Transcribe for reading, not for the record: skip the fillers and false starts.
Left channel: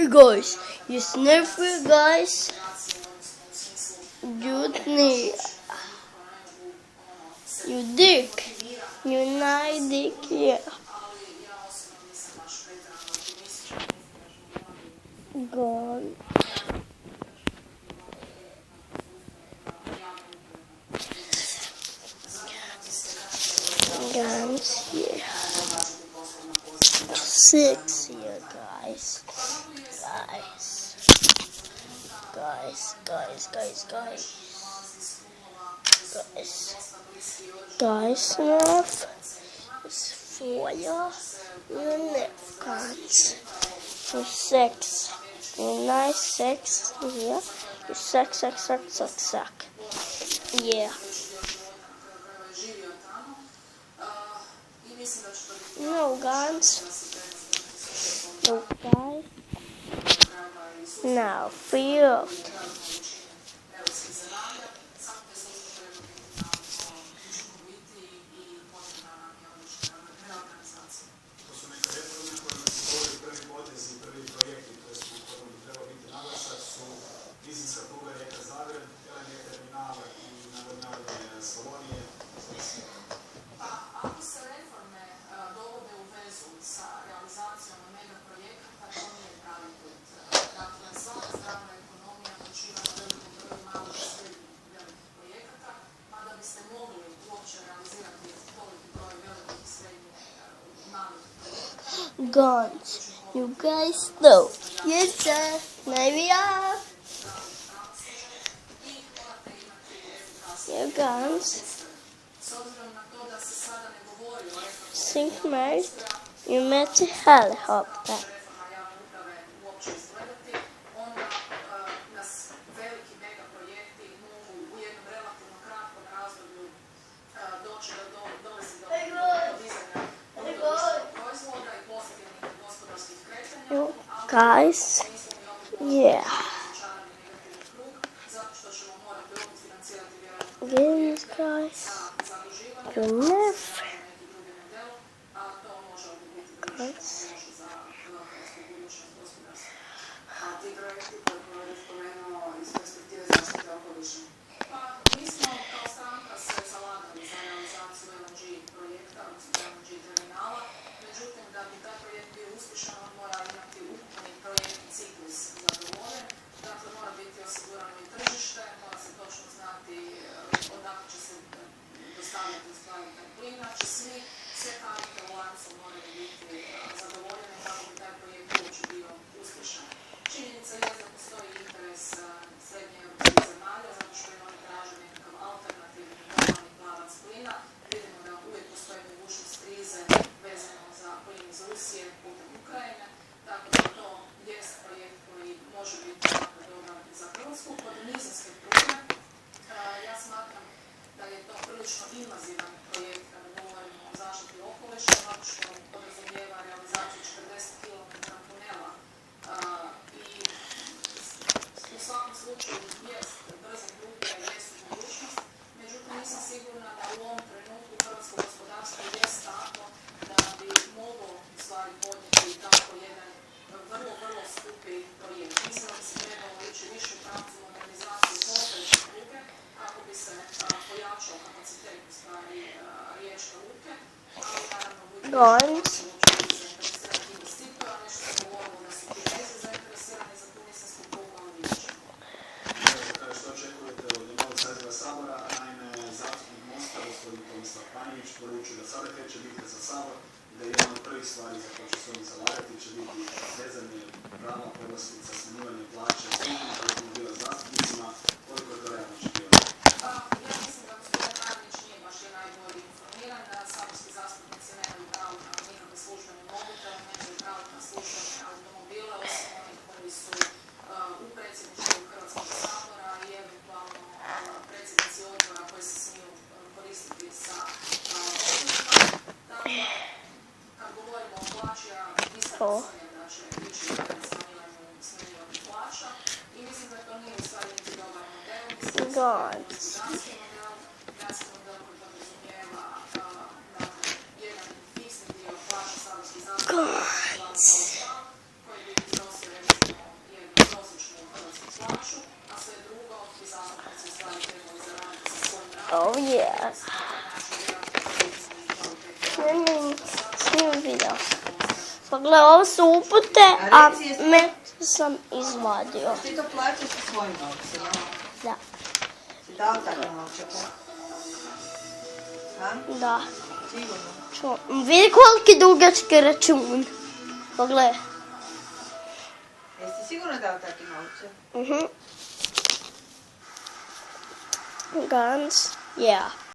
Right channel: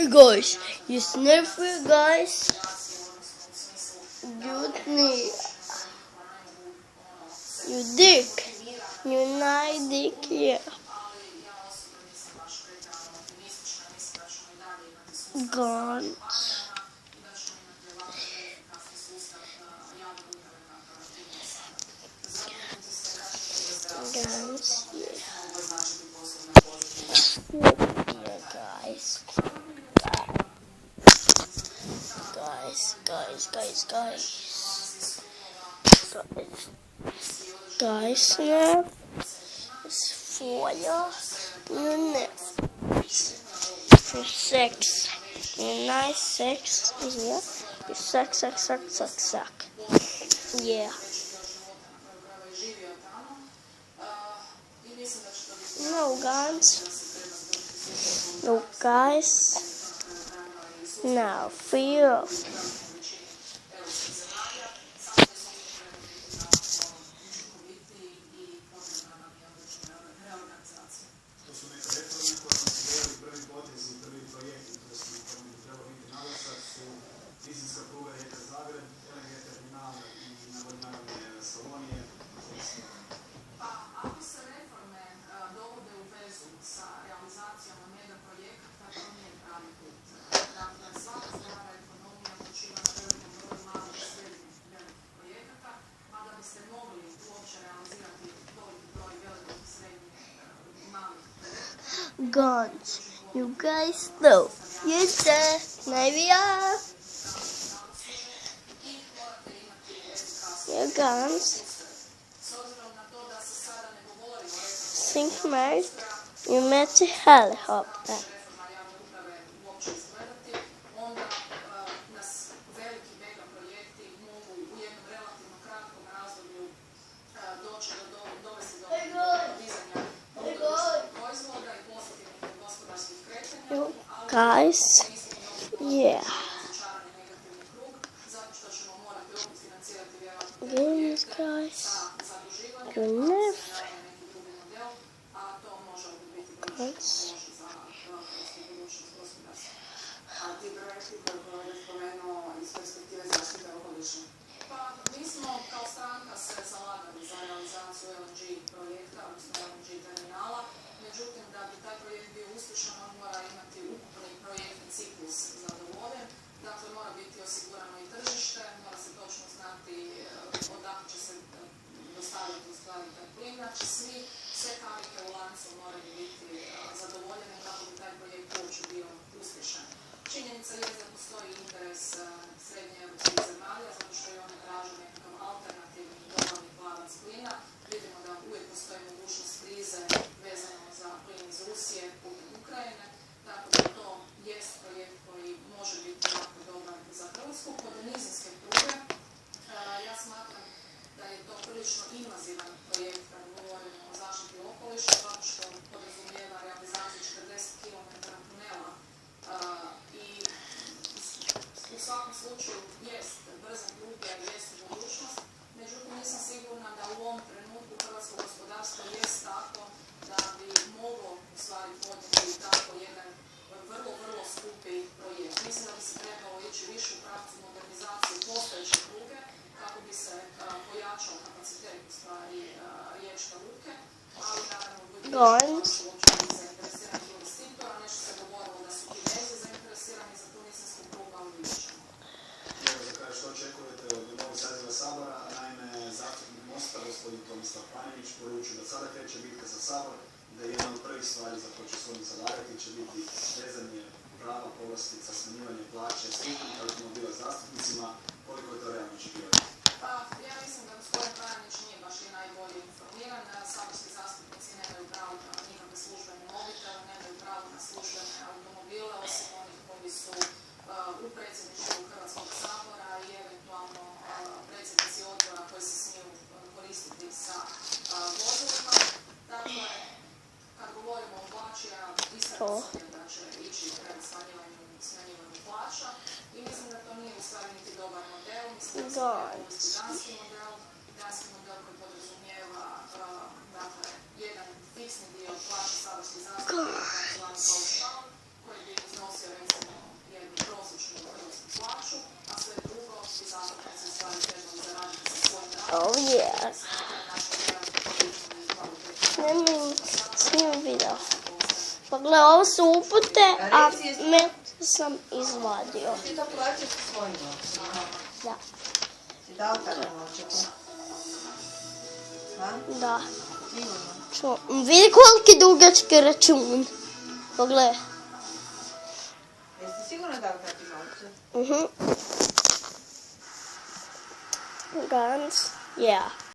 Hey guys, it's never guys. Jutni. You dick. You nice dick, yeah. God. Guns, yeah. 6, yeah, guys. Guys, snap. Foil. Your neck, guys. 6. Nice 6. Suck. Yeah. So guys, now for you. Guns, you guys know. Yes, sir. Maybe guns. Think man, you met to hell. Guys, yeah. Yes, guys. Good enough. Guns. Guns. Ovo su upute, a met sam izvadio. Ti to plaćaš sa svojim novcima? Da. Si dao takve novčake? Ha? Da. Sigurno? Vidi koliki dugački račun. Pogledaj. Jesi sigurno dao takve novce? Guns. Yeah.